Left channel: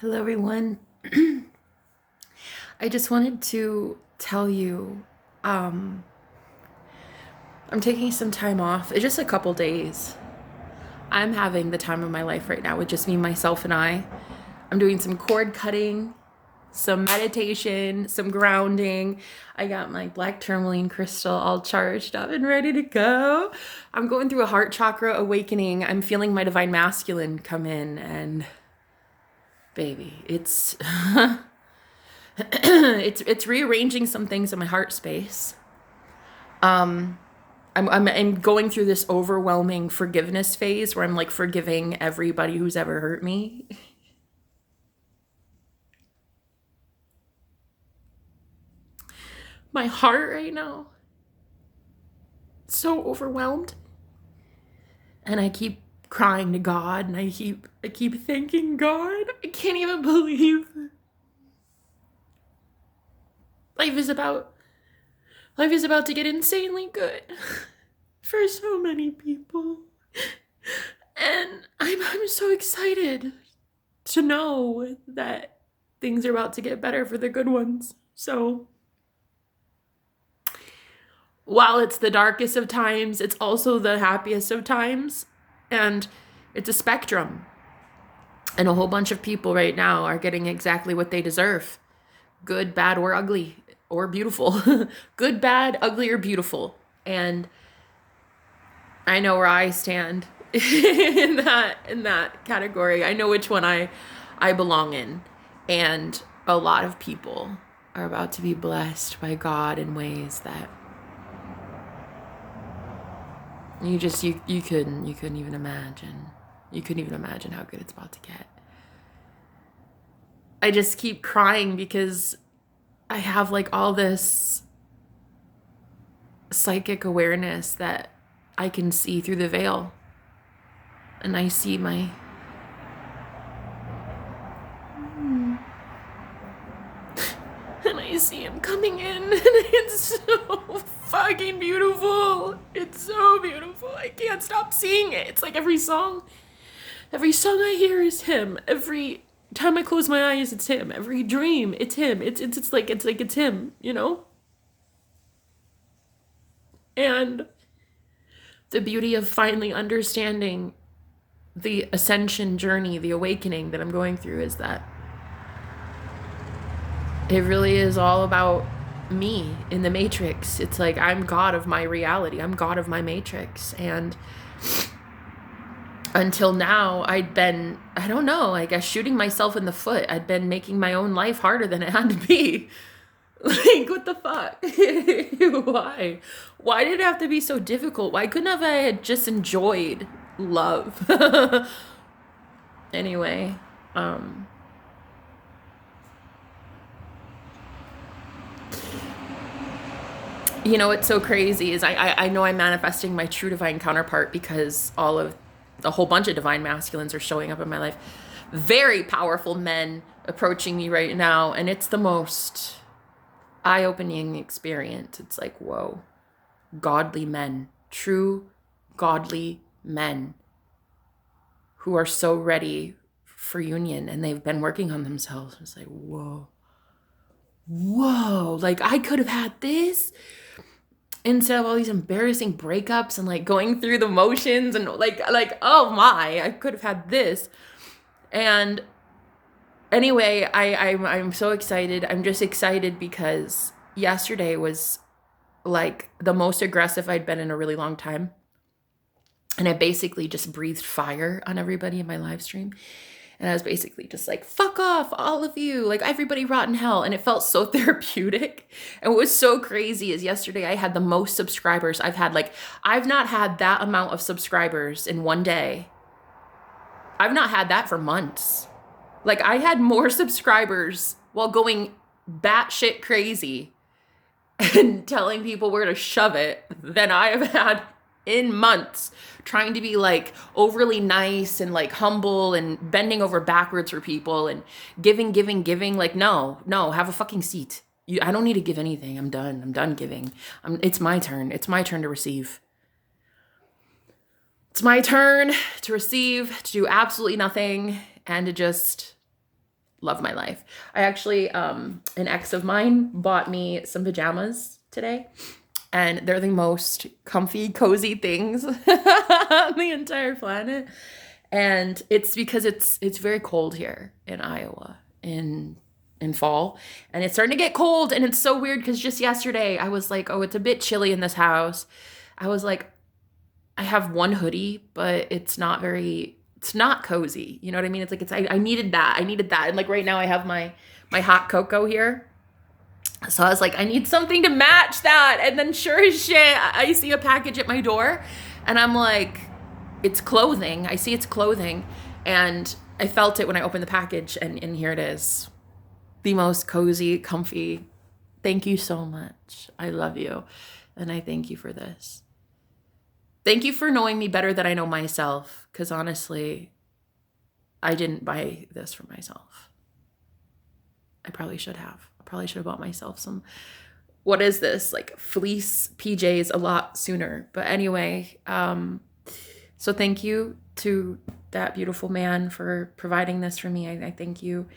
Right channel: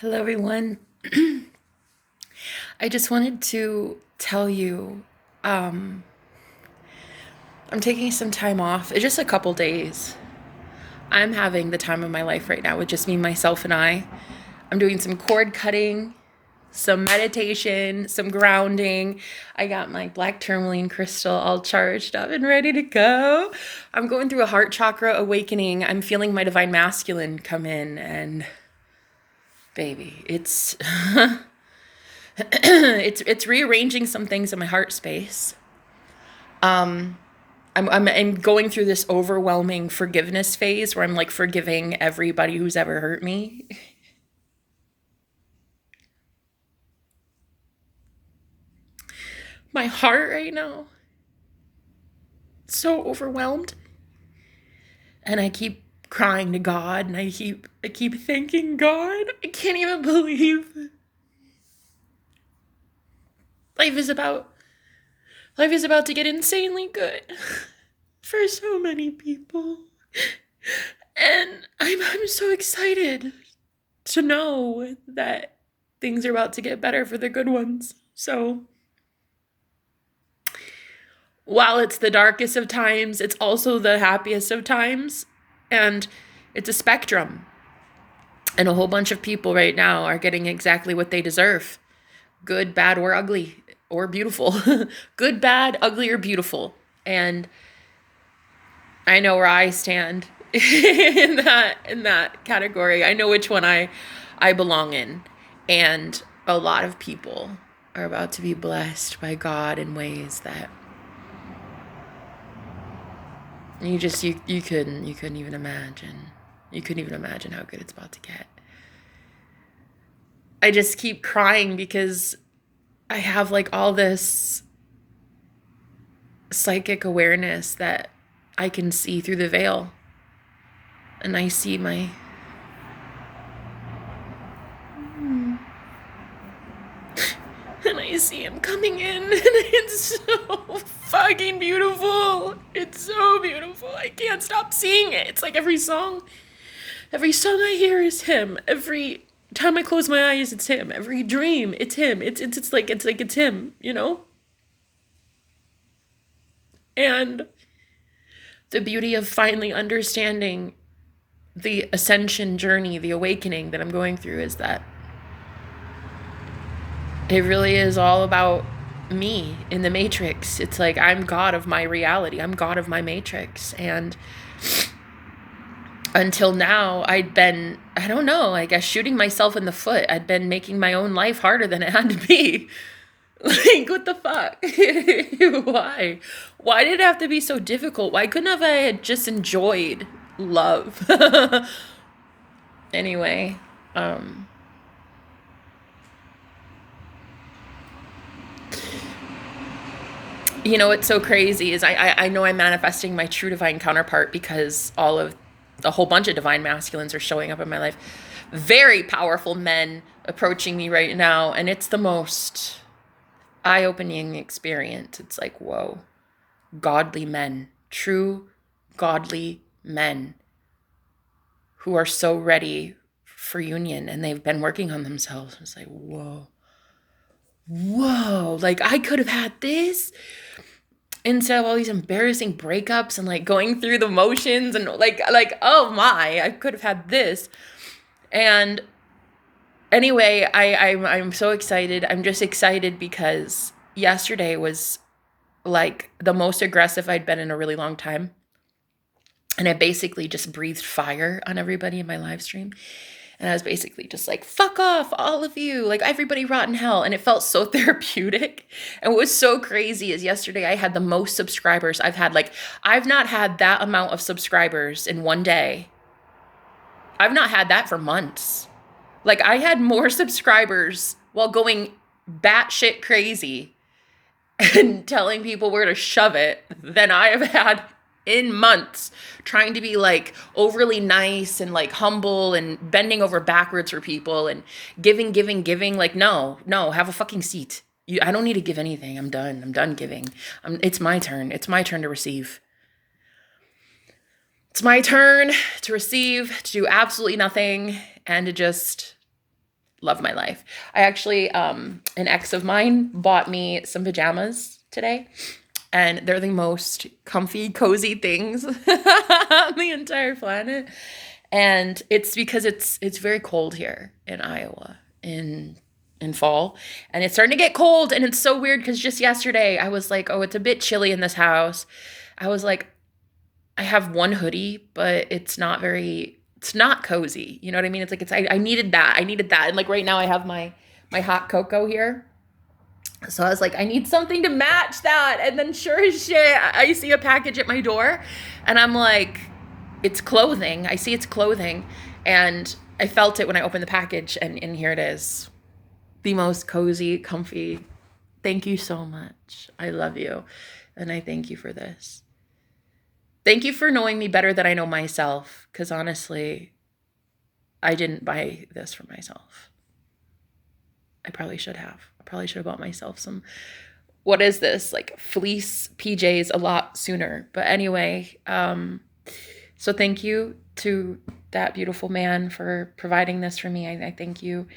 Hello, everyone. I just wanted to tell you um, I'm taking some time off. It's just a couple days. I'm having the time of my life right now with just me, myself, and I. I'm doing some cord cutting, some meditation, some grounding. I got my black tourmaline crystal all charged up and ready to go. I'm going through a heart chakra awakening. I'm feeling my divine masculine come in, and baby, it's it's rearranging some things in my heart space. Um, I'm going through this overwhelming forgiveness phase where I'm like forgiving everybody who's ever hurt me. My heart right now, so overwhelmed, and I keep crying to God, and I keep thanking God. I can't even believe life is about life is about to get insanely good for so many people. And I'm so excited to know that things are about to get better for the good ones. So while it's the darkest of times, it's also the happiest of times. And it's a spectrum. And a whole bunch of people right now are getting exactly what they deserve. Good, bad, or ugly, or beautiful. Good, bad, ugly, or beautiful. And I know where I stand in that category. I know which one I belong in. And a lot of people are about to be blessed by God in ways that you couldn't even imagine. You couldn't even imagine how good it's about to get. I just keep crying because I have like all this psychic awareness that I can see through the veil. And I see my and I see him coming in, and it's so fucking beautiful. It's so beautiful. I can't stop seeing it. It's like every song I hear is him. Every time I close my eyes, it's him. Every dream, it's him. It's like it's him, you know? And the beauty of finally understanding the ascension journey, the awakening that I'm going through is that it really is all about me in the matrix. It's like I'm God of my reality. I'm God of my matrix. And until now, I'd been, I don't know, I guess shooting myself in the foot. I'd been making my own life harder than it had to be. Like, what the fuck? Why? Why did it have to be so difficult? Why couldn't have I had just enjoyed love? Anyway, um, you know what's so crazy is I know I'm manifesting my true divine counterpart because all of a whole bunch of divine masculines are showing up in my life. Very powerful men approaching me right now, and it's the most eye-opening experience. It's like, whoa, godly men, true godly men who are so ready for union, and they've been working on themselves. It's like, whoa, like I could have had this instead of all these embarrassing breakups and like going through the motions and like oh my, I could have had this. And anyway, I'm so excited. I'm just excited because yesterday was like the most aggressive I'd been in a really long time. And I basically just breathed fire on everybody in my live stream. And I was basically just like, fuck off, all of you, like everybody rot in hell. And it felt so therapeutic. And what was so crazy is yesterday I had the most subscribers I've had. Like, I've not had that amount of subscribers in one day. I've not had that for months. Like, I had more subscribers while going batshit crazy and telling people where to shove it than I have had in months, trying to be like overly nice and like humble and bending over backwards for people and giving. Like, no, have a fucking seat. I don't need to give anything. I'm done giving. It's my turn. It's my turn to receive. It's my turn to receive, to do absolutely nothing, and to just love my life. I actually, an ex of mine bought me some pajamas today, and they're the most comfy, cozy things on the entire planet. And it's because it's very cold here in Iowa in fall, and it's starting to get cold, and it's so weird because just yesterday I was like, oh, it's a bit chilly in this house. I was like, I have one hoodie, but it's not cozy. You know what I mean? It's like I needed that. I needed that. And like right now I have my hot cocoa here. So I was like, I need something to match that. And then sure as shit, I see a package at my door, and I'm like, it's clothing. I see it's clothing. And I felt it when I opened the package, and here it is. The most cozy, comfy. Thank you so much. I love you. And I thank you for this. Thank you for knowing me better than I know myself. Because honestly, I didn't buy this for myself. I probably should have. I probably should have bought myself some, what is this? Like fleece PJs a lot sooner. But anyway, so thank you to that beautiful man for providing this for me. I thank you.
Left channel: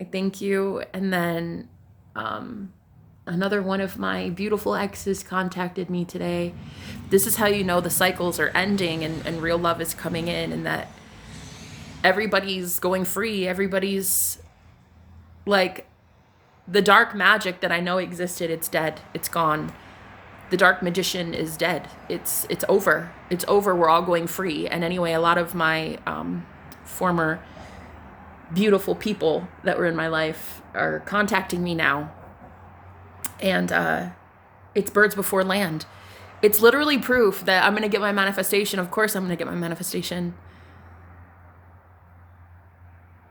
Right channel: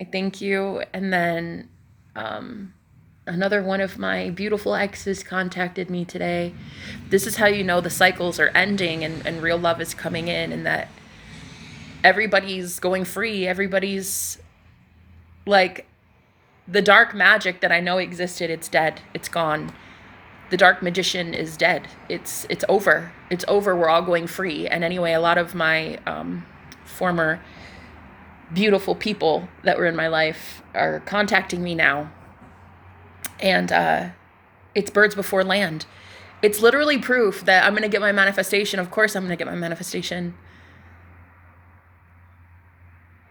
I thank you. And then another one of my beautiful exes contacted me today. This is how you know the cycles are ending and real love is coming in, and that everybody's going free. Everybody's like, the dark magic that I know existed, it's dead. It's gone. The dark magician is dead. It's over. It's over. We're all going free. And anyway, a lot of my former beautiful people that were in my life are contacting me now. And it's birds before land. It's literally proof that I'm going to get my manifestation. Of course I'm going to get my manifestation.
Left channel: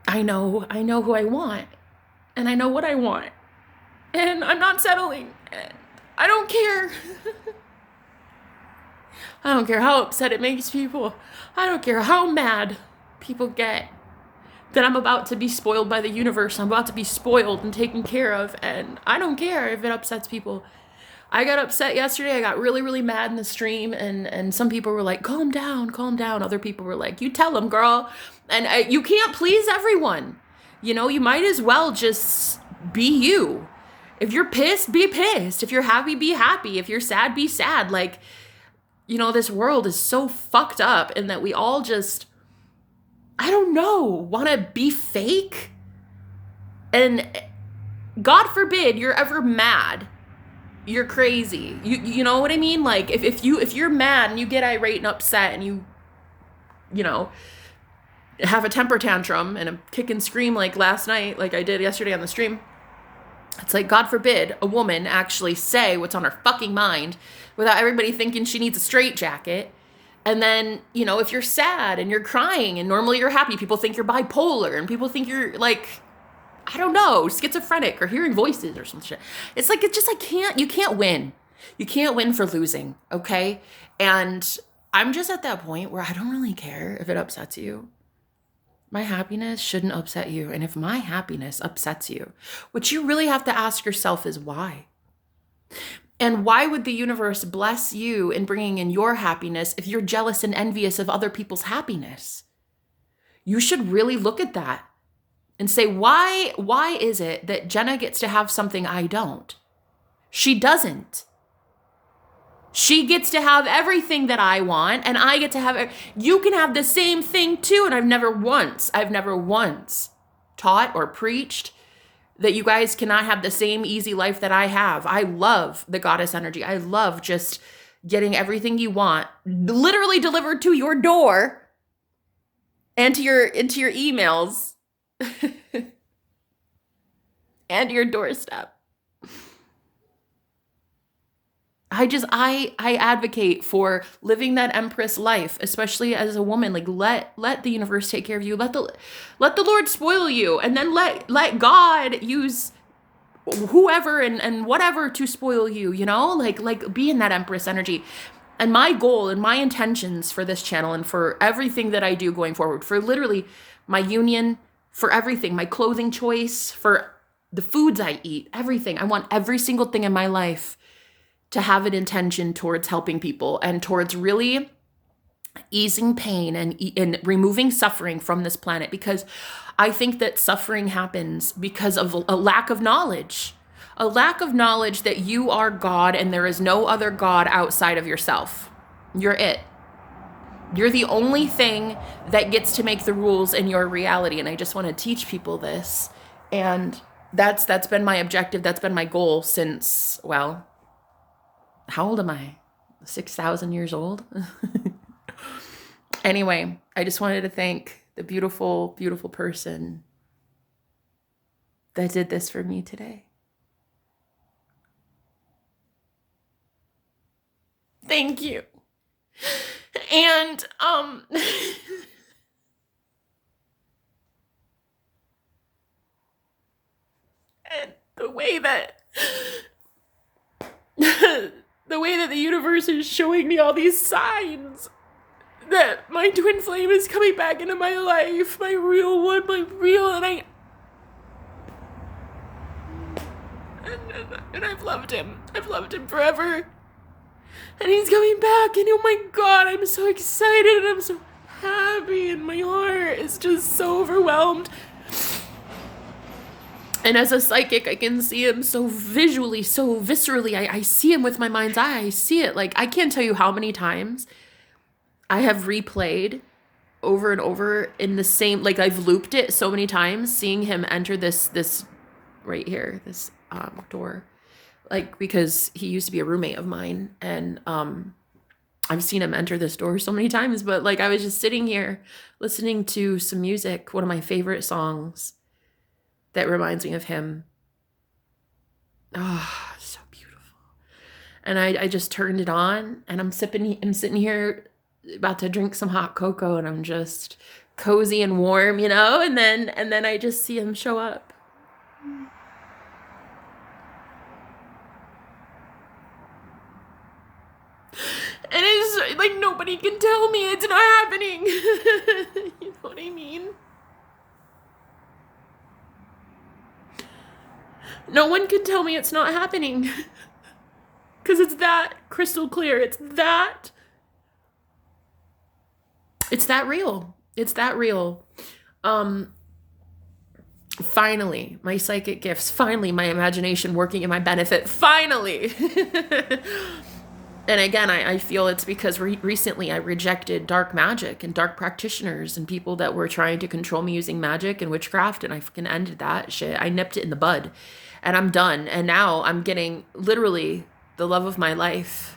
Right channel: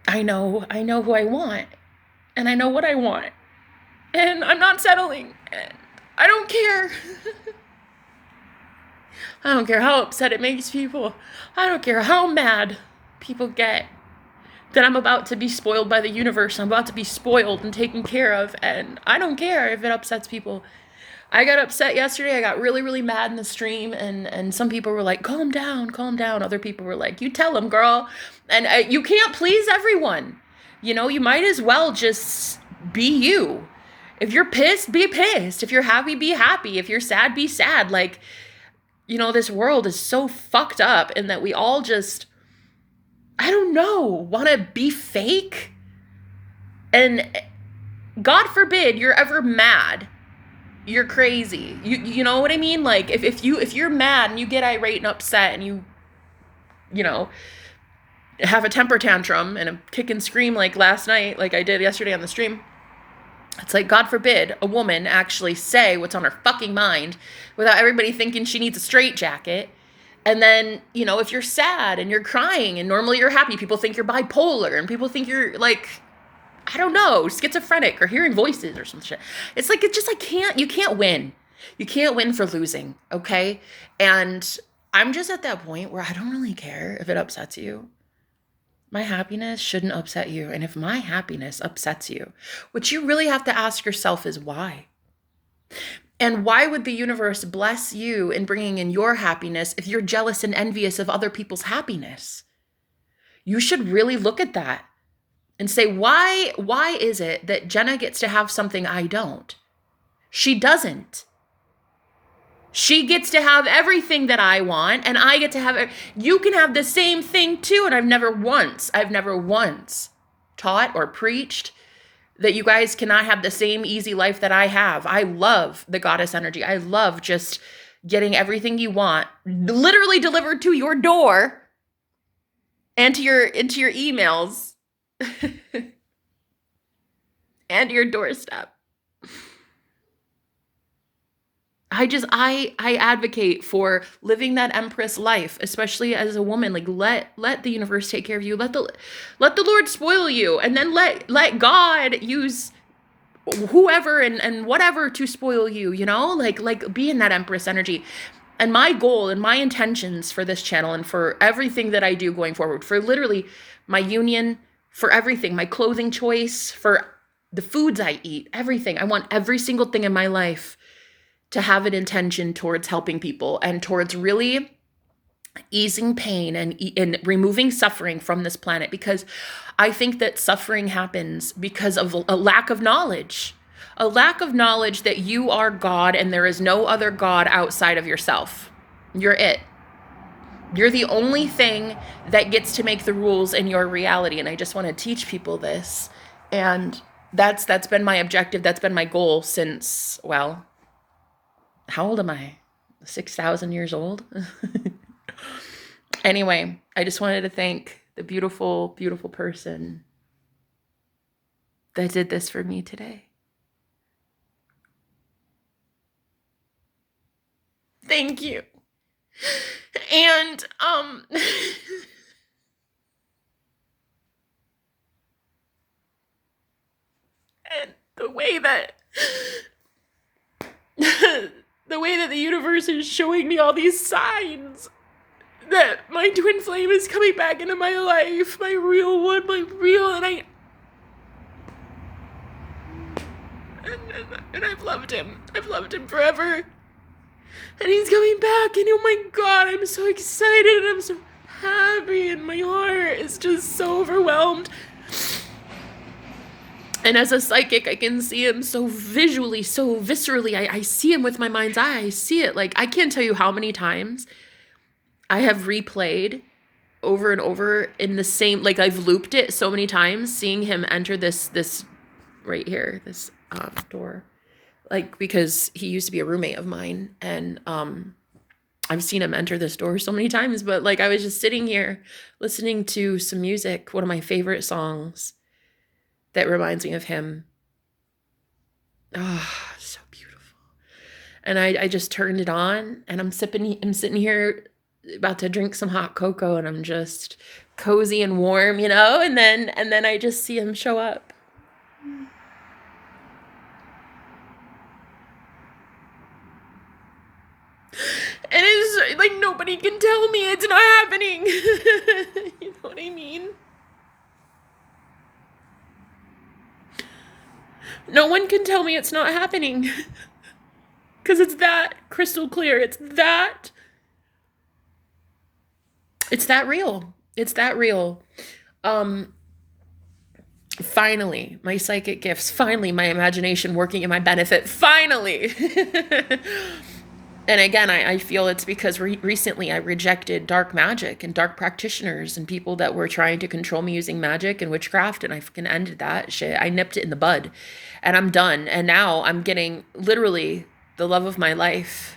I know who I want. And I know what I want. And I'm not settling. And I don't care. I don't care how upset it makes people. I don't care how mad people get that I'm about to be spoiled by the universe. I'm about to be spoiled and taken care of. And I don't care if it upsets people. I got upset yesterday. I got really, really mad in the stream. And some people were like, calm down, calm down. Other people were like, you tell them, girl. And you can't please everyone. You know, you might as well just be you. If you're pissed, be pissed. If you're happy, be happy. If you're sad, be sad. Like, you know, this world is so fucked up, and that we all just, I don't know, want to be fake. And God forbid you're ever mad. You're crazy. You know what I mean? Like, if you're mad and you get irate and upset and you know, have a temper tantrum and a kick and scream like last night, like I did yesterday on the stream, it's like, God forbid a woman actually say what's on her fucking mind without everybody thinking she needs a straitjacket. And then, you know, if you're sad and you're crying and normally you're happy, people think you're bipolar and people think you're like, I don't know, schizophrenic or hearing voices or some shit. It's like, it's just, you can't win. You can't win for losing, okay? And I'm just at that point where I don't really care if it upsets you. My happiness shouldn't upset you. And if my happiness upsets you, what you really have to ask yourself is why? And why would the universe bless you in bringing in your happiness if you're jealous and envious of other people's happiness? You should really look at that and say, why is it that Jenna gets to have something I don't? She doesn't. She gets to have everything that I want, and I get to have it. You can have the same thing too, and I've never once taught or preached that you guys cannot have the same easy life that I have. I love the goddess energy. I love just getting everything you want literally delivered to your door and into your emails and your doorstep. I advocate for living that empress life, especially as a woman. Like, let the universe take care of you. Let the Lord spoil you, and then let God use whoever and whatever to spoil you, you know? Like be in that empress energy. And my goal and my intentions for this channel and for everything that I do going forward, for literally my union, for everything, my clothing choice, for the foods I eat, everything. I want every single thing in my life to have an intention towards helping people and towards really easing pain and removing suffering from this planet, because I think that suffering happens because of a lack of knowledge. A lack of knowledge that you are God and there is no other God outside of yourself. You're it. You're the only thing that gets to make the rules in your reality. And I just want to teach people this. And that's been my objective. That's been my goal since, well, how old am I? 6,000 years old? Anyway, I just wanted to thank the beautiful, beautiful person that did this for me today. Thank you. And and the way that the universe is showing me all these signs that my twin flame is coming back into my life, my real one, and I've loved him. I've loved him forever. And he's coming back, and oh my God, I'm so excited, and I'm so happy, and my heart is just so overwhelmed. And as a psychic, I can see him so visually, so viscerally. I see him with my mind's eye. I see it. Like, I can't tell you how many times I have replayed over and over in the same, like I've looped it so many times, seeing him enter this right here, this door. Like, because he used to be a roommate of mine, and I've seen him enter this door so many times. But like, I was just sitting here listening to some music, one of my favorite songs that reminds me of him. Oh, so beautiful. And I just turned it on, and I'm sitting here about to drink some hot cocoa, and I'm just cozy and warm, you know, and then I just see him show up. And it's like, nobody can tell me it's not happening. You know what I mean? No one can tell me it's not happening. Because it's that crystal clear. It's that real. It's that real. Finally, my psychic gifts. Finally, my imagination working in my benefit. Finally. And again, I feel it's because recently I rejected dark magic and dark practitioners and people that were trying to control me using magic and witchcraft, and I fucking ended that shit. I nipped it in the bud, and I'm done. And now I'm getting literally the love of my life.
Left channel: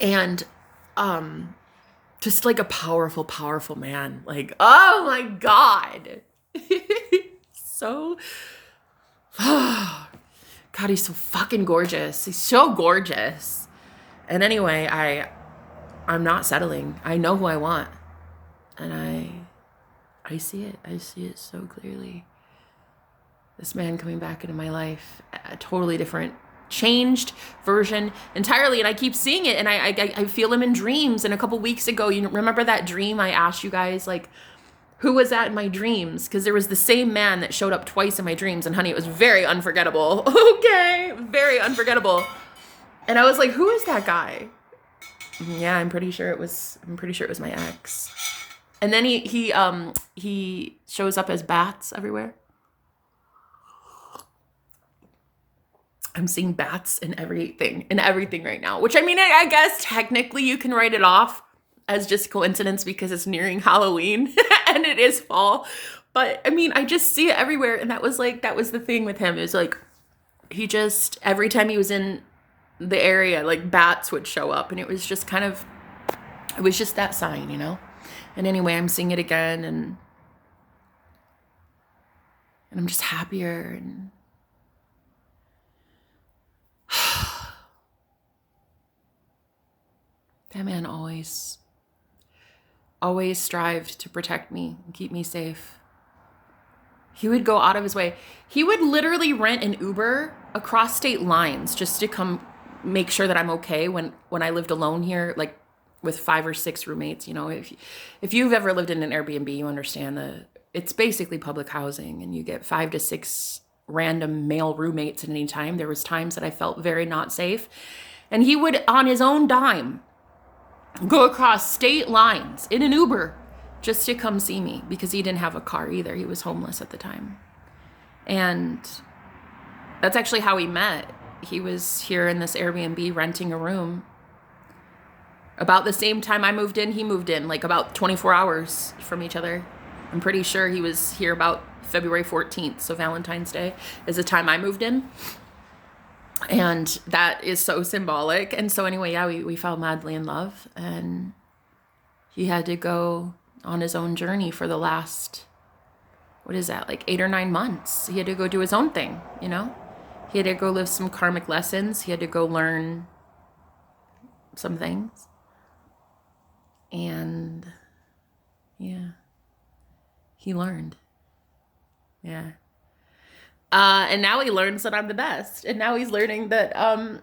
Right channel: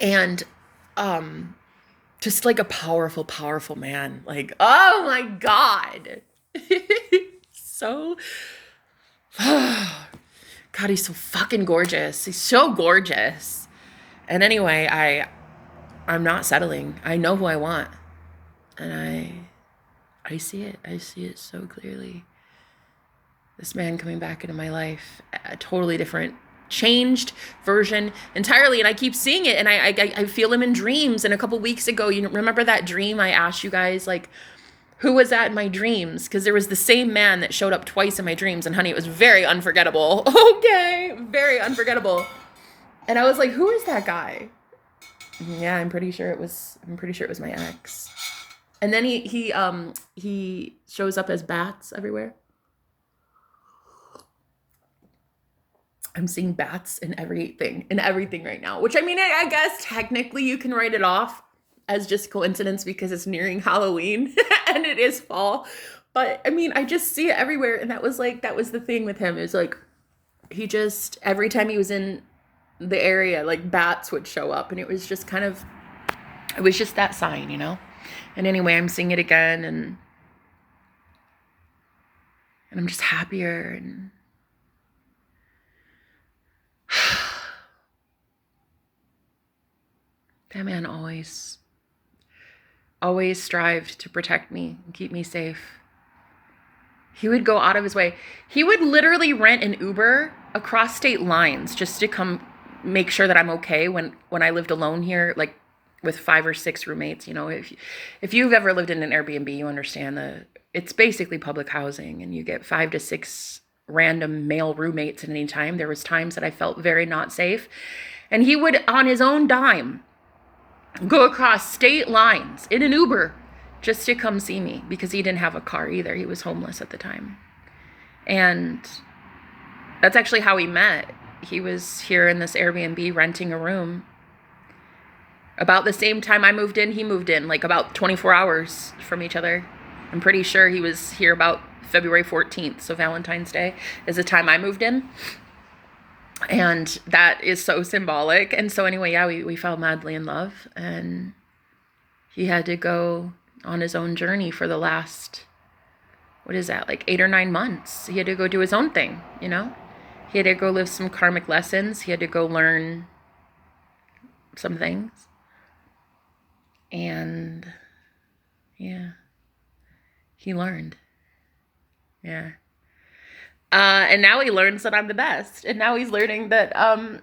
And just like a powerful, powerful man. Like, oh my God. So, God, he's so fucking gorgeous. He's so gorgeous. And anyway, I'm not settling. I know who I want. And I see it. I see it so clearly. This man coming back into my life, a totally different, changed version entirely. And I keep seeing it, and I feel him in dreams. And a couple weeks ago, you remember that dream I asked you guys, like, who was that in my dreams? Because there was the same man that showed up twice in my dreams, and honey, it was very unforgettable. Okay, very unforgettable. And I was like, who is that guy? Yeah, I'm pretty sure it was my ex. And then he shows up as bats everywhere. I'm seeing bats in everything right now, which, I mean, I guess technically you can write it off as just coincidence because it's nearing Halloween and it is fall. But I mean, I just see it everywhere. And that was the thing with him. It was like, he just, every time he was in the area, like, bats would show up, and it was just that sign, you know? And anyway, I'm seeing it again, and I'm just happier, and that man always strived to protect me and keep me safe. He would go out of his way. He would literally rent an Uber across state lines just to come make sure that I'm okay when I lived alone here, like with 5 or 6 roommates. You know, if you've ever lived in an Airbnb, you understand it's basically public housing, and you get 5 to 6 random male roommates at any time. There was times that I felt very not safe. And he would, on his own dime, go across state lines in an Uber just to come see me because he didn't have a car either. He was homeless at the time. And that's actually how we met. He was here in this Airbnb renting a room. About the same time I moved in, he moved in, like about 24 hours from each other. I'm pretty sure he was here about February 14th, so Valentine's Day is the time I moved in. And that is so symbolic. And so anyway, yeah, we fell madly in love, and he had to go on his own journey for the last, what is that, like 8 or 9 months. He had to go do his own thing, you know? He had to go live some karmic lessons. He had to go learn some things. And yeah, he learned. Yeah. And now he learns that I'm the best. And now he's learning that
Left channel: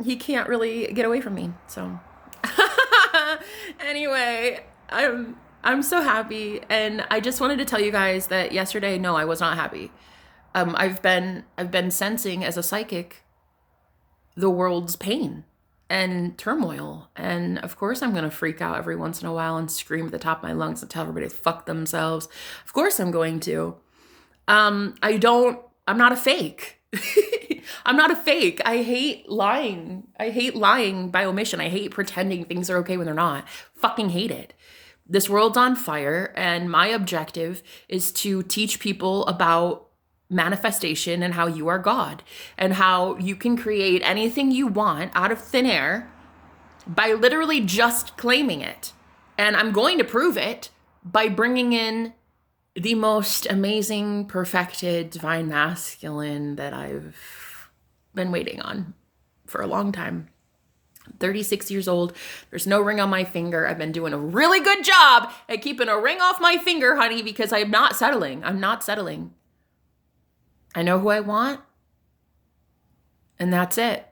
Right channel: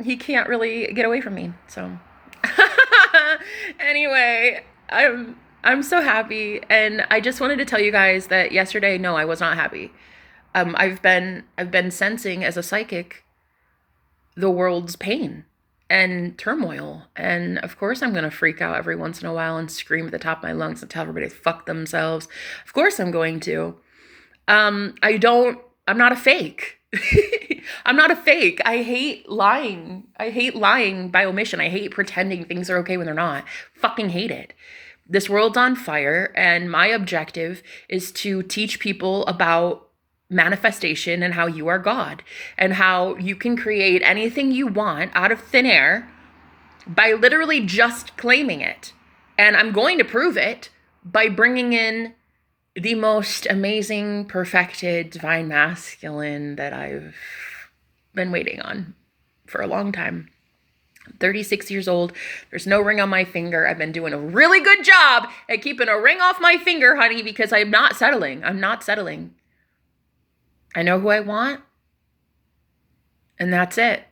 he can't really get away from me. So anyway, I'm so happy. And I just wanted to tell you guys that yesterday, no, I was not happy. I've been sensing as a psychic the world's pain and turmoil. And of course I'm going to freak out every once in a while and scream at the top of my lungs and tell everybody to fuck themselves. Of course I'm going to. I'm not a fake. I'm not a fake. I hate lying. I hate lying by omission. I hate pretending things are okay when they're not. Fucking hate it. This world's on fire, and my objective is to teach people about manifestation and how you are God and how you can create anything you want out of thin air by literally just claiming it. And I'm going to prove it by bringing in the most amazing, perfected, divine masculine that I've been waiting on for a long time. I'm 36 years old. There's no ring on my finger. I've been doing a really good job at keeping a ring off my finger, honey, because I'm not settling. I'm not settling. I know who I want, and that's it.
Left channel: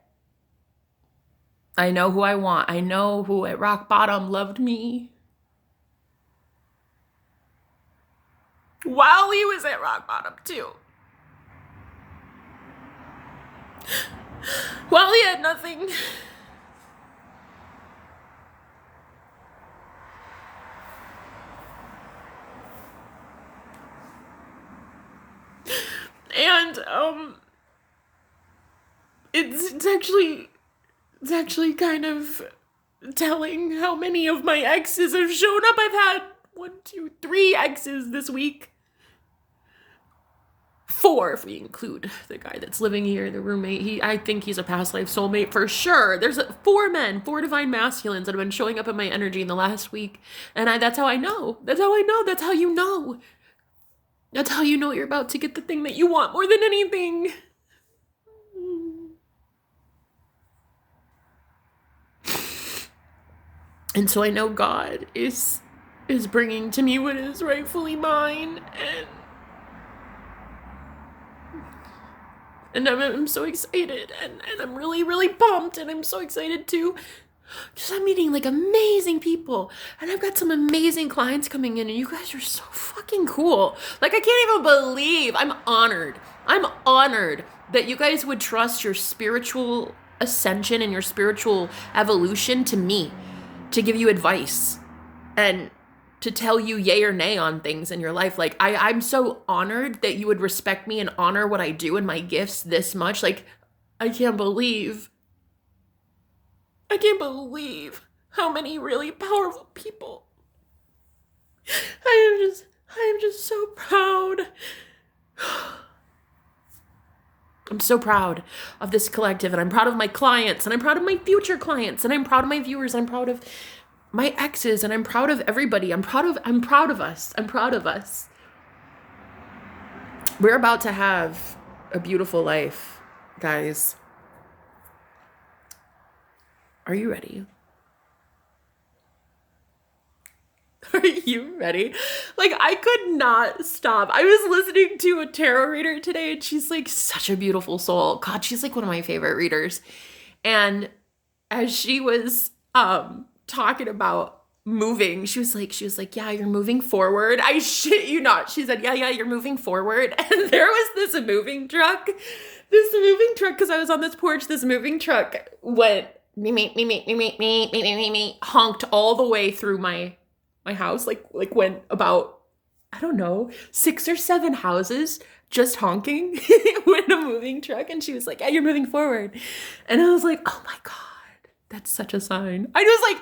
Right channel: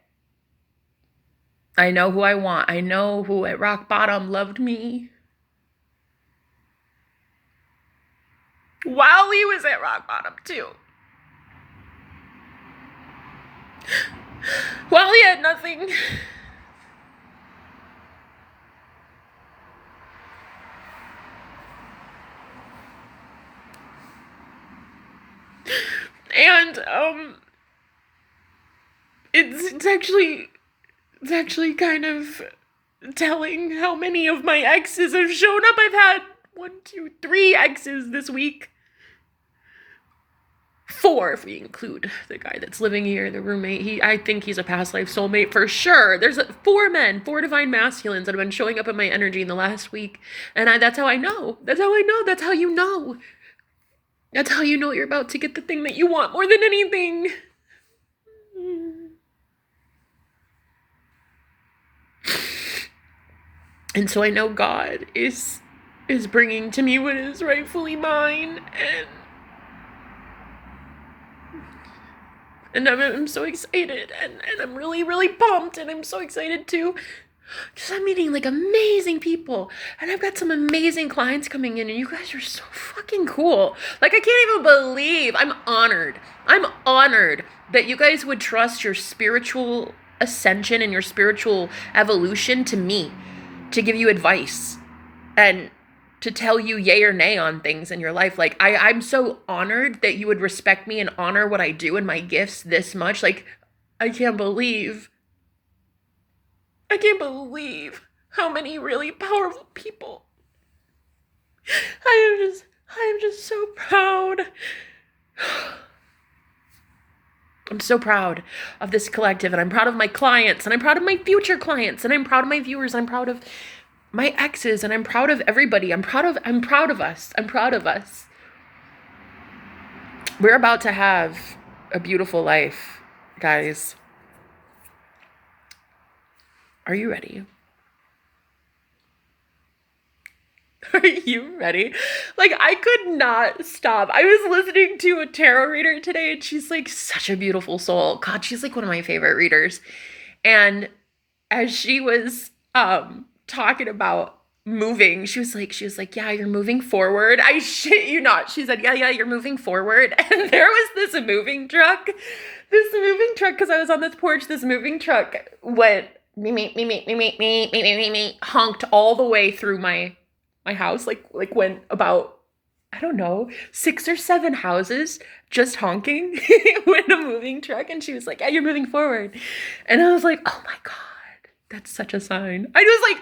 I know who I want. I know who at rock bottom loved me while he was at rock bottom too. While he had nothing. And it's actually kind of telling how many of my exes have shown up. I've had 1, 2, 3 exes this week. 4 if we include the guy that's living here, the roommate. I think he's a past life soulmate for sure. There's 4 men, 4 divine masculines that have been showing up in my energy in the last week. And that's how I know. That's how I know. That's how you know. That's how you know you're about to get the thing that you want more than anything. And so I know God is bringing to me what is rightfully mine, and I'm so excited, and I'm really, really pumped, and I'm so excited too. Because I'm meeting like amazing people, and I've got some amazing clients coming in, and you guys are so fucking cool. Like, I can't even believe, I'm honored that you guys would trust your spiritual ascension and your spiritual evolution to me, to give you advice and to tell you yay or nay on things in your life. Like, I'm so honored that you would respect me and honor what I do and my gifts this much. Like, I can't believe how many really powerful people. I am just so proud. I'm so proud of this collective, and I'm proud of my clients, and I'm proud of my future clients, and I'm proud of my viewers, I'm proud of my exes, and I'm proud of everybody. I'm proud of us. I'm proud of us. We're about to have a beautiful life, guys. Are you ready? Are you ready? Like, I could not stop. I was listening to a tarot reader today, and she's like such a beautiful soul. God, she's like one of my favorite readers. And as she was talking about moving. She was like, yeah, you're moving forward. I shit you not. She said, yeah, you're moving forward. And there was this moving truck, because I was on this porch, this moving truck went me, honked all the way through my house, like went about, I don't know, 6 or 7 houses just honking with a moving truck. And she was like, yeah, you're moving forward. And I was like, oh my God. That's such a sign. I was like,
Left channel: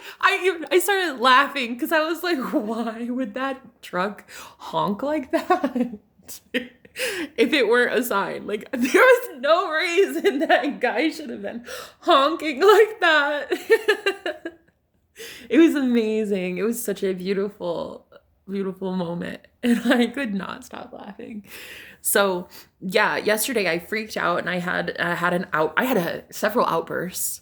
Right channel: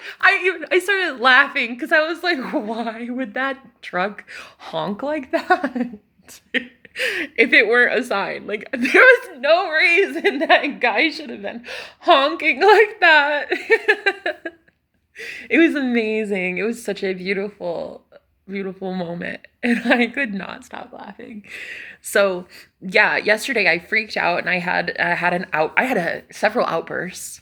I started laughing because I was like, why would that truck honk like that? If it weren't a sign. Like, there was no reason that guy should have been honking like that. It was amazing. It was such a beautiful, beautiful moment. And I could not stop laughing. So yeah, yesterday I freaked out and I had several outbursts.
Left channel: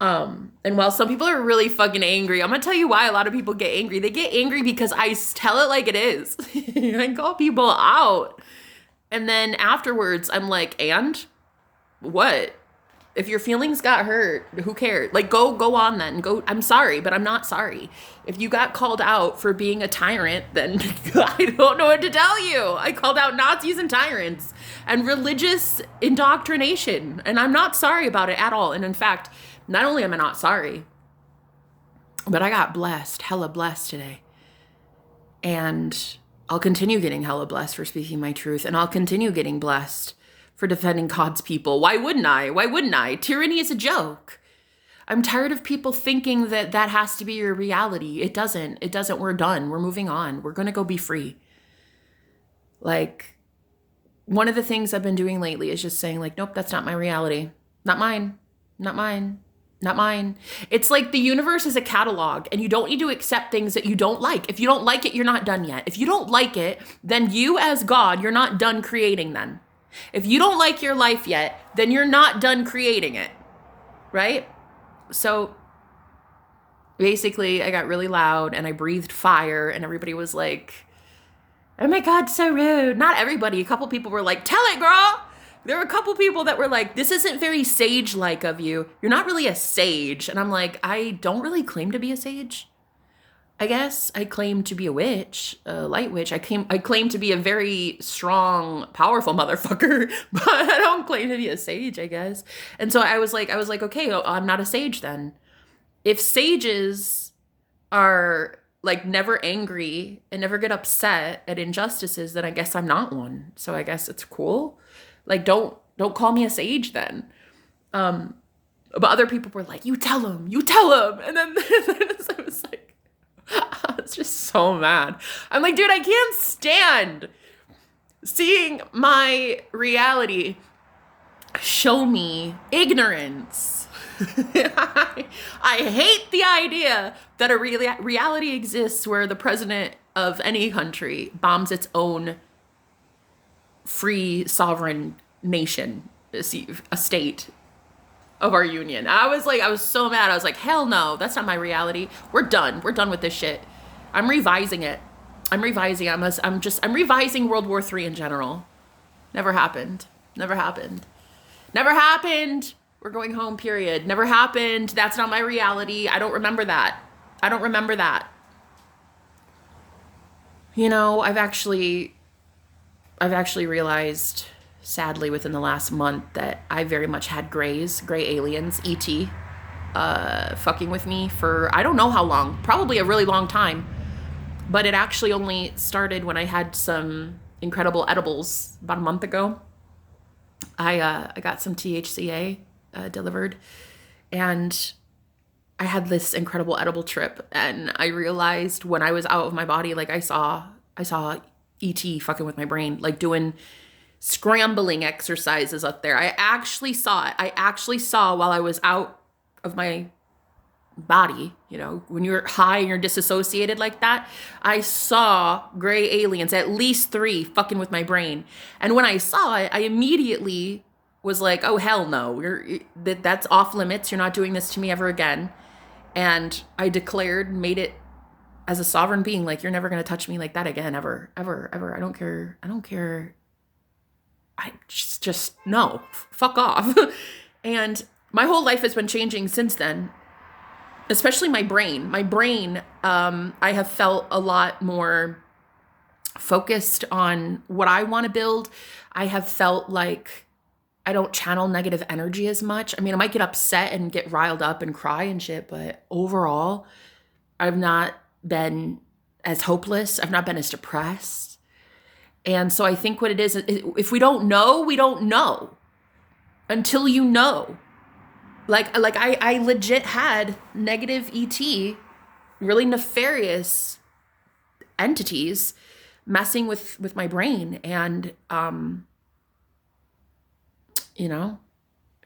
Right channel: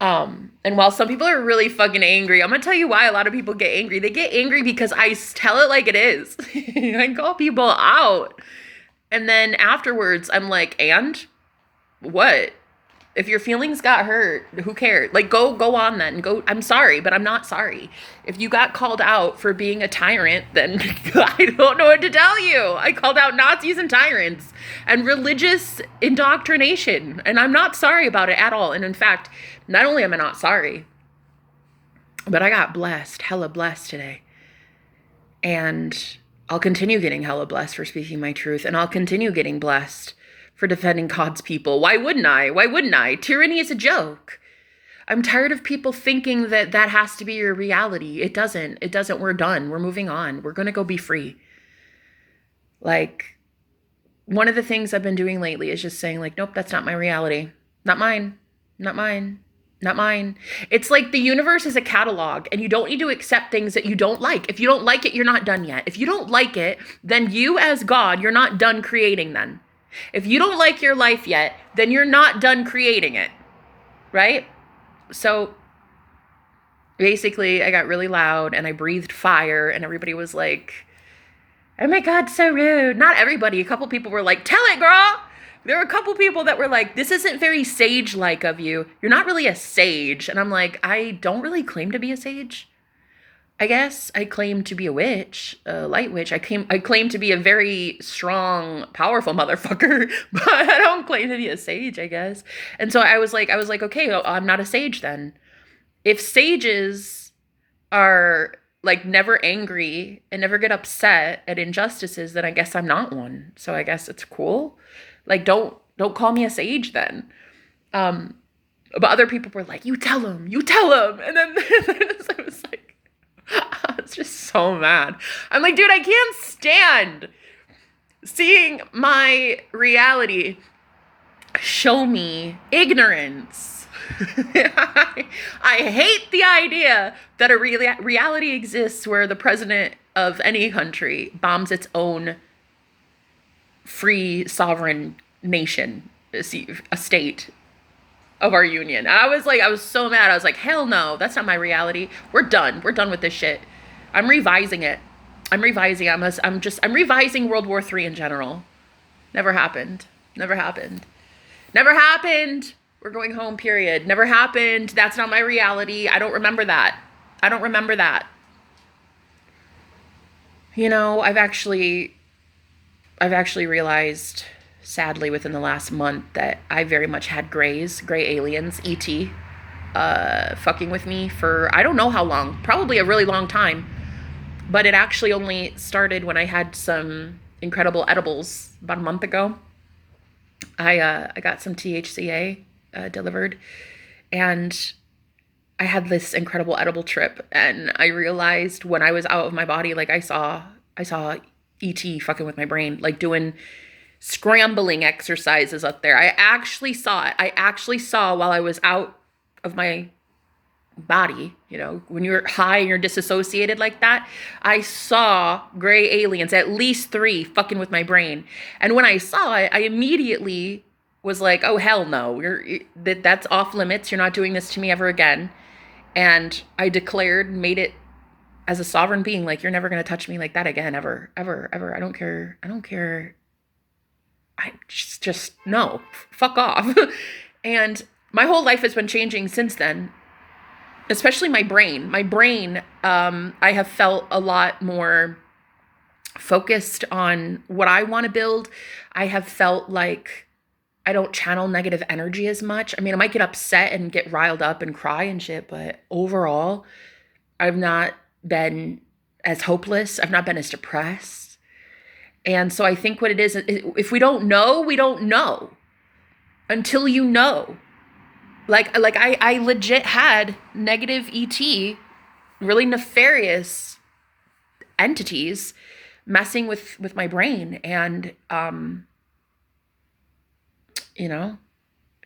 And while some people are really fucking angry, I'm gonna tell you why a lot of people get angry. They get angry because I tell it like it is. I call people out. And then afterwards, I'm like, and what? If your feelings got hurt, who cares? Like, go on then. Go. I'm sorry, but I'm not sorry. If you got called out for being a tyrant, then I don't know what to tell you. I called out Nazis and tyrants and religious indoctrination, and I'm not sorry about it at all. And in fact, not only am I not sorry, but I got blessed, hella blessed today. And I'll continue getting hella blessed for speaking my truth, and I'll continue getting blessed for defending God's people. Why wouldn't I? Why wouldn't I? Tyranny is a joke. I'm tired of people thinking that has to be your reality. It doesn't. It doesn't. We're done. We're moving on. We're going to go be free. Like, one of the things I've been doing lately is just saying, like, nope, that's not my reality. Not mine. Not mine. Not mine. It's like the universe is a catalog and you don't need to accept things that you don't like. If you don't like it, you're not done yet. If you don't like it, then you as God, you're not done creating then. If you don't like your life yet, then you're not done creating it, right? So basically I got really loud and I breathed fire and everybody was like, oh my God, so rude. Not everybody. A couple people were like, tell it, girl. There were a couple people that were like, this isn't very sage-like of you. You're not really a sage. And I'm like, I don't really claim to be a sage. I guess I claim to be a witch, a light witch. I claim to be a very strong, powerful motherfucker, but I don't claim to be a sage, I guess. And so I was like, okay, I'm not a sage then. If sages are like never angry and never get upset at injustices, then I guess I'm not one. So I guess it's cool. Like, don't call me a sage then. But other people were like, you tell him. And then I was like, I was just so mad. I'm like, dude, I can't stand seeing my reality show me ignorance. I hate the idea that a reality exists where the president of any country bombs its own free sovereign nation, a state of our union. I was so mad. I was like, hell no, that's not my reality. We're done with this shit. I'm revising it. I'm revising World War III in general. Never happened. We're going home, period. Never happened. That's not my reality. I don't remember that. You know, I've actually realized, sadly, within the last month that I very much had gray aliens, ET, fucking with me for I don't know how long, probably a really long time. But it actually only started when I had some incredible edibles about a month ago. I got some THCA delivered, and I had this incredible edible trip, and I realized when I was out of my body, like I saw ET fucking with my brain, like doing scrambling exercises up there. I actually saw it. I actually saw while I was out of my body, you know, when you're high and you're disassociated like that, I saw gray aliens, at least 3, fucking with my brain. And when I saw it, I immediately was like, oh, hell no, that's off limits. You're not doing this to me ever again. And I made it as a sovereign being, like, you're never going to touch me like that again, ever. I don't care. I just no, fuck off. And my whole life has been changing since then. especially my brain. My brain, I have felt a lot more focused on what I want to build. I have felt like I don't channel negative energy as much. I mean, I might get upset and get riled up and cry and shit, but overall, I've not been as hopeless. I've not been as depressed. And so I think what it is, if we don't know, we don't know until you know. Like I legit had negative ET, really nefarious entities messing with my brain. And, you know,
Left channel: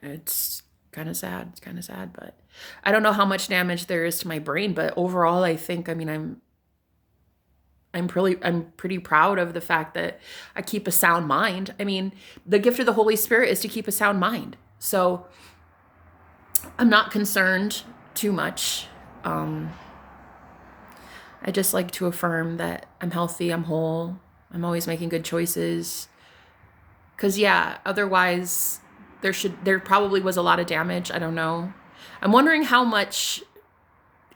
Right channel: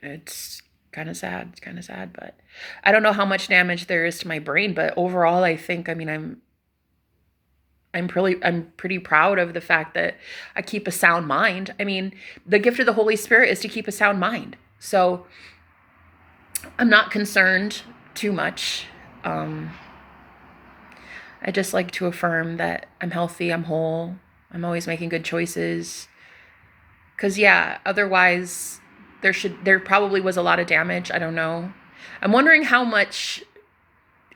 it's kind of sad. It's kind of sad, but I don't know how much damage there is to my brain, but overall, I think, I mean, I'm pretty proud of the fact that I keep a sound mind. I mean, the gift of the Holy Spirit is to keep a sound mind. So I'm not concerned too much. I just like to affirm that I'm healthy, I'm whole, I'm always making good choices. Cause yeah, otherwise there probably was a lot of damage. I don't know. I'm wondering how much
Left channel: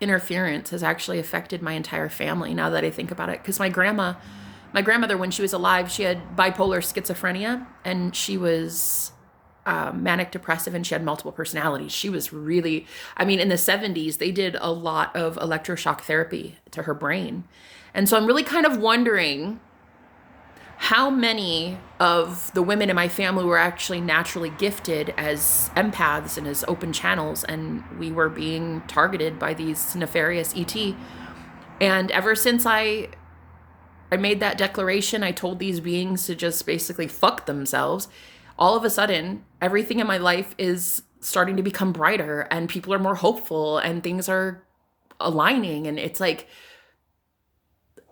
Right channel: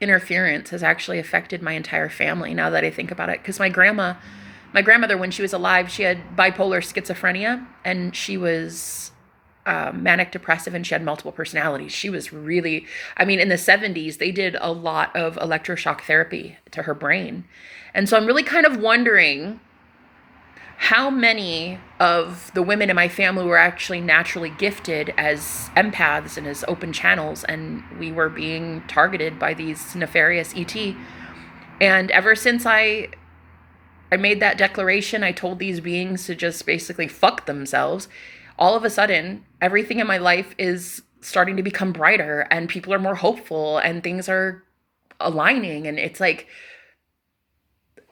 interference has actually affected my entire family now that I think about it. Cause my grandmother, when she was alive, she had bipolar schizophrenia, and she was manic depressive, and she had multiple personalities. She was really, I mean, in the 70s, they did a lot of electroshock therapy to her brain. And so I'm really kind of wondering how many of the women in my family were actually naturally gifted as empaths and as open channels, and we were being targeted by these nefarious ET. And ever since I made that declaration, I told these beings to just basically fuck themselves. All of a sudden, everything in my life is starting to become brighter, and people are more hopeful, and things are aligning. And it's like,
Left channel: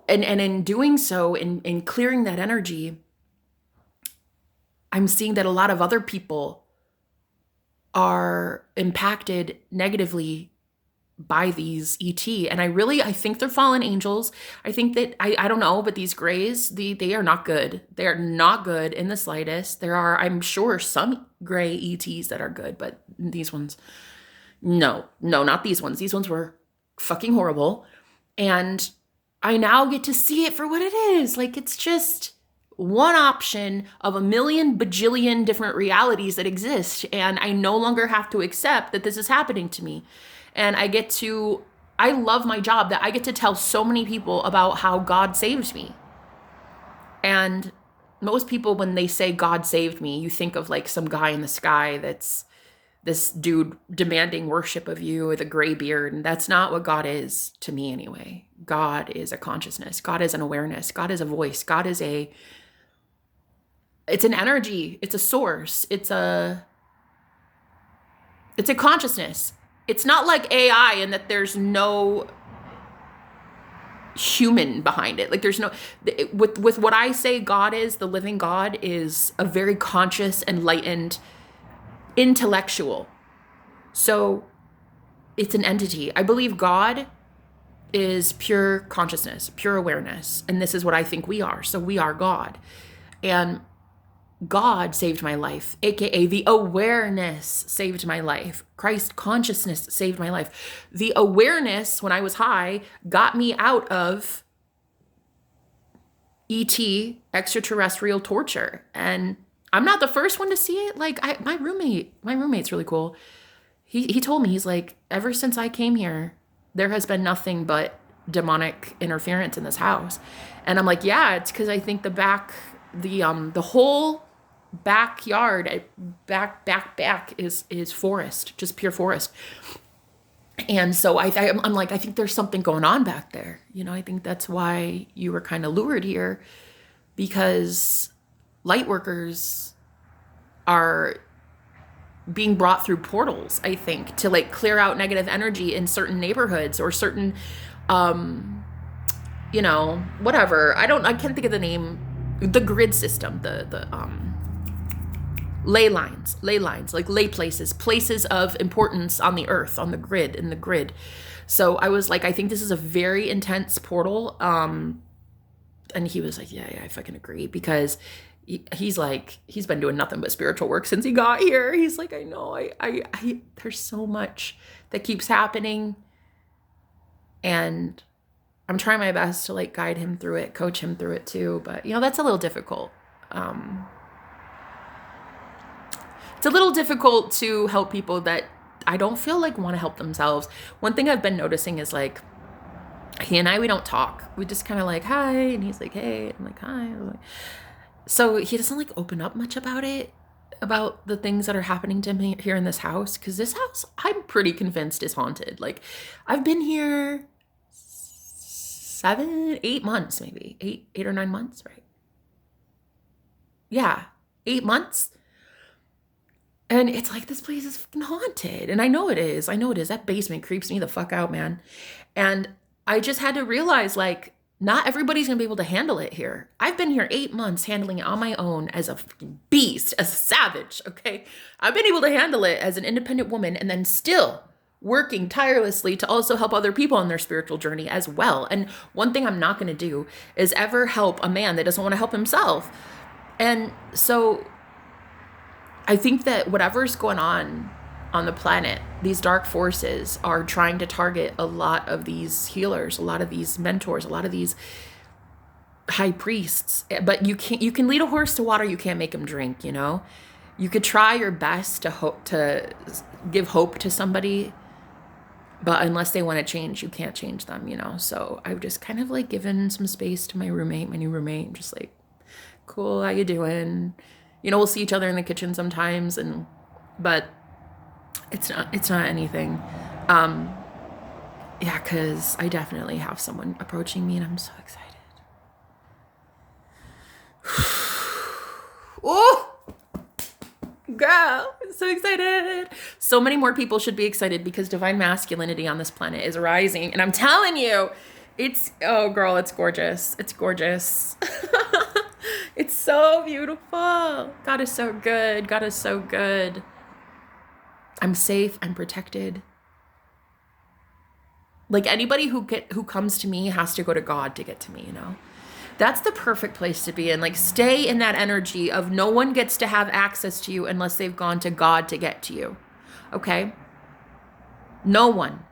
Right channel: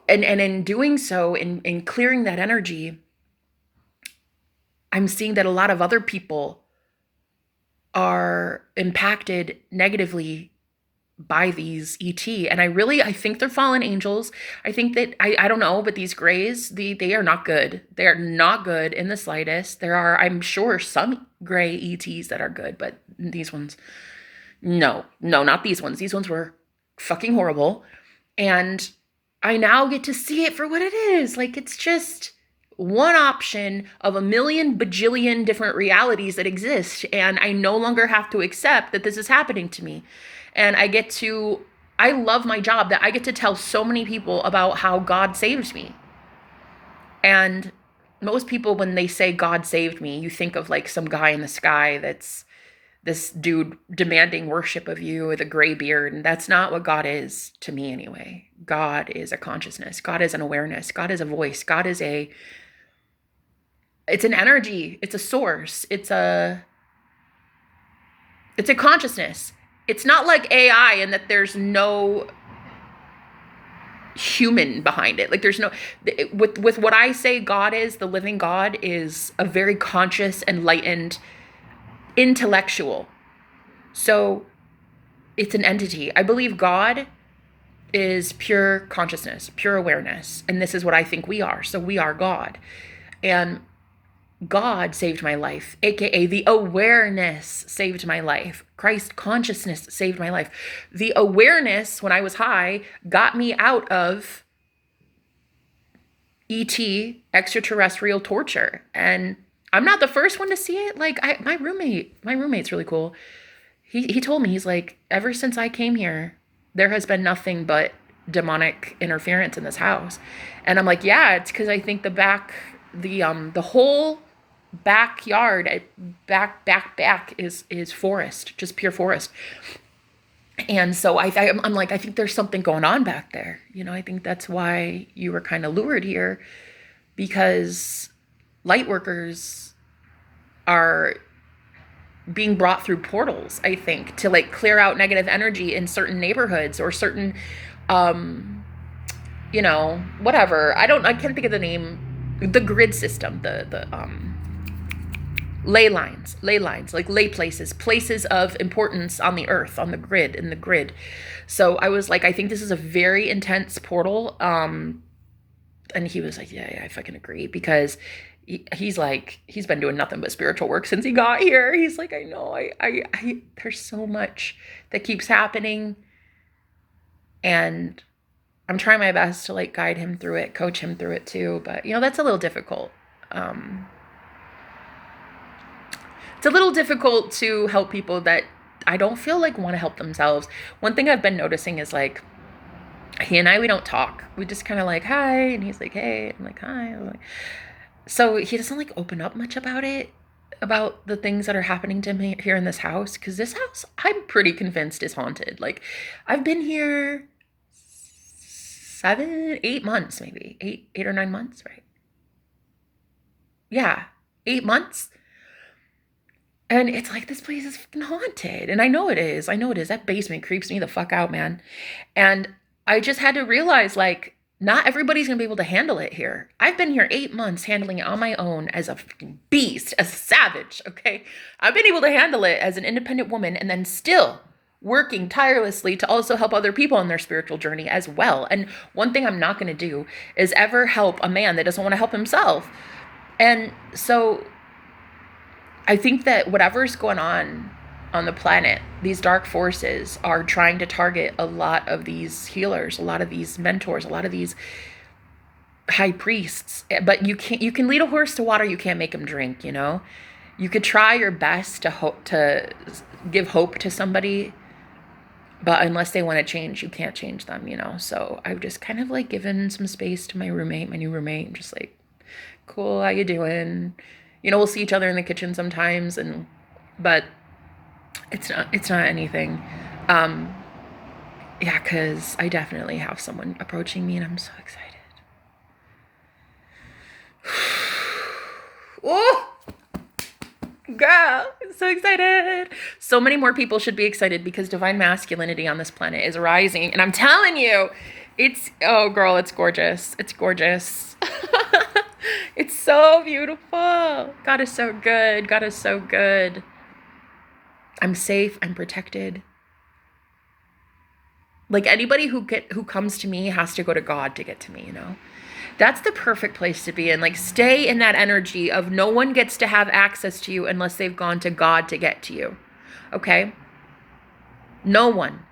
and in doing so, in clearing that energy, I'm seeing that a lot of other people are impacted negatively by these ET. And I think they're fallen angels. I think that, I don't know, but these grays, they are not good. They are not good in the slightest. There are, I'm sure, some gray ETs that are good, but these ones, no, not these ones. These ones were fucking horrible. And I now get to see it for what it is. Like, it's just one option of a million bajillion different realities that exist. And I no longer have to accept that this is happening to me. And I love my job that I get to tell so many people about how God saved me. And most people, when they say God saved me, you think of like some guy in the sky that's this dude demanding worship of you with a gray beard. And that's not what God is to me anyway. God is a consciousness. God is an awareness. God is a voice. God is it's an energy. It's a source. It's a consciousness. It's not like AI in that there's no human behind it. Like there's no, with what I say God is, the living God is a very conscious, enlightened, intellectual. So it's an entity. I believe God is pure consciousness, pure awareness. And this is what I think we are. So we are God. And God saved my life, aka the awareness saved my life. Christ consciousness saved my life. The awareness, when I was high, got me out of ET, extraterrestrial torture. And I'm not the first one to see it. Like my roommate's really cool. He told me, he's like, ever since I came here, there has been nothing but demonic interference in this house. And I'm like, yeah, it's because I think the whole backyard, back is forest, just pure forest. And so I'm like, I think there's something going on back there. You know, I think that's why you were kind of lured here, because light workers are being brought through portals, I think, to like clear out negative energy in certain neighborhoods or certain, you know, whatever. I can't think of the name, the grid system, the ley lines, like ley places of importance on the earth, on the grid, in the grid. So I was like, I think this is a very intense portal. And he was like, yeah, I fucking agree, because he's like, he's been doing nothing but spiritual work since he got here. He's like, I know, I there's so much that keeps happening. And I'm trying my best to like guide him through it, coach him through it too. But you know, that's a little difficult. It's a little difficult to help people that I don't feel like want to help themselves. One thing I've been noticing is like, he and I, we don't talk. We just kind of like, hi. And he's like, hey. I'm like, hi. I'm like, so he doesn't like open up much about it, about the things that are happening to me here in this house. Because this house, I'm pretty convinced is haunted. Like, I've been here 8 months, maybe 8 or 9 months, right? Yeah, 8 months. And it's like, this place is fucking haunted. And I know it is. I know it is. That basement creeps me the fuck out, man. And I just had to realize, like, not everybody's gonna be able to handle it here. I've been here 8 months handling it on my own as a fucking beast, as a savage, okay? I've been able to handle it as an independent woman and then still working tirelessly to also help other people on their spiritual journey as well. And one thing I'm not gonna do is ever help a man that doesn't wanna help himself. And so I think that whatever's going on the planet, these dark forces are trying to target a lot of these healers, a lot of these mentors, a lot of these high priests. But you can lead a horse to water, you can't make him drink, you know? You could try your best to give hope to somebody, but unless they want to change, you can't change them, you know? So I've just kind of like given some space to my new roommate, just like, cool, how you doing? You know, we'll see each other in the kitchen sometimes, but it's not anything. Yeah, because I definitely have someone approaching me and I'm so excited. Oh, girl, I'm so excited. So many more people should be excited because divine masculinity on this planet is rising. And I'm telling you, oh girl, it's gorgeous. It's gorgeous. It's so beautiful. God is so good. God is so good. I'm safe. I'm protected. Like anybody who comes to me has to go to God to get to me, you know? That's the perfect place to be in. Like stay in that energy of no one gets to have access to you unless they've gone to God to get to you. Okay? No one.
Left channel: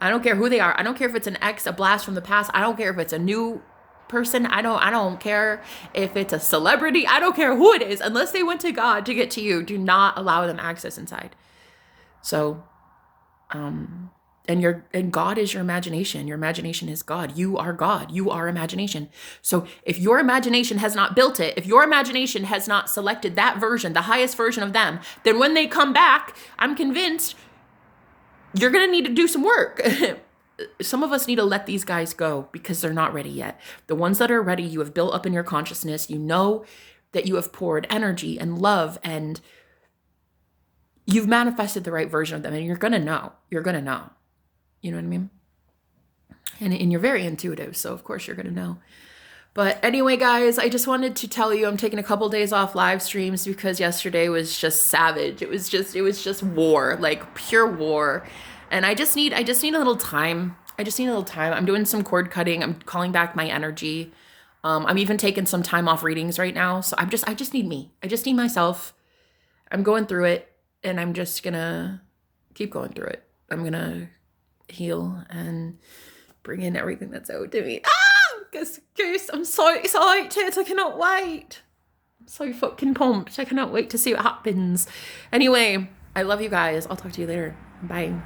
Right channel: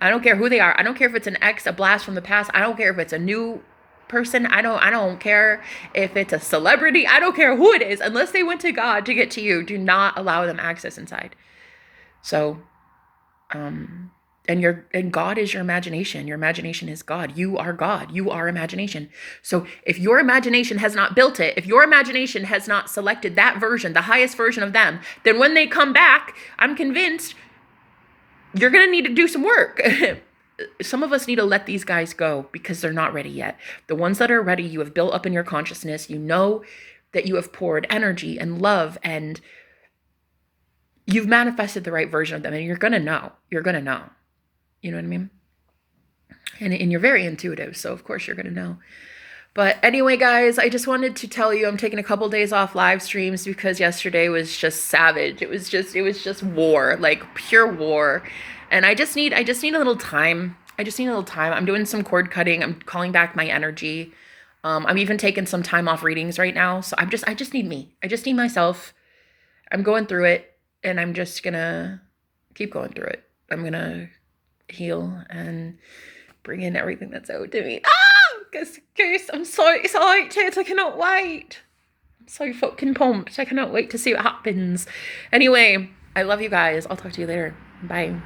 I don't care who they are. I don't care if it's an ex, a blast from the past. I don't care if it's a new person. I don't care if it's a celebrity. I don't care who it is. Unless they went to God to get to you, do not allow them access inside. So, and God is your imagination. Your imagination is God. You are God. You are imagination. So if your imagination has not built it, if your imagination has not selected that version, the highest version of them, then when they come back, I'm convinced you're going to need to do some work. Some of us need to let these guys go because they're not ready yet. The ones that are ready, you have built up in your consciousness. You know that you have poured energy and love and you've manifested the right version of them. And you're going to know. You're going to know. You know what I mean? And you're very intuitive. So of course you're going to know. But anyway, guys, I just wanted to tell you I'm taking a couple days off live streams because yesterday was just savage. It was just war, like pure war. And I just need a little time. I'm doing some cord cutting. I'm calling back my energy. I'm even taking some time off readings right now. So I just need me. I just need myself. I'm going through it and I'm just gonna keep going through it. I'm gonna heal and bring in everything that's owed to me. Guys, I'm so excited. I cannot wait. I'm so fucking pumped. I cannot wait to see what happens. Anyway, I love you guys. I'll talk to you later. Bye.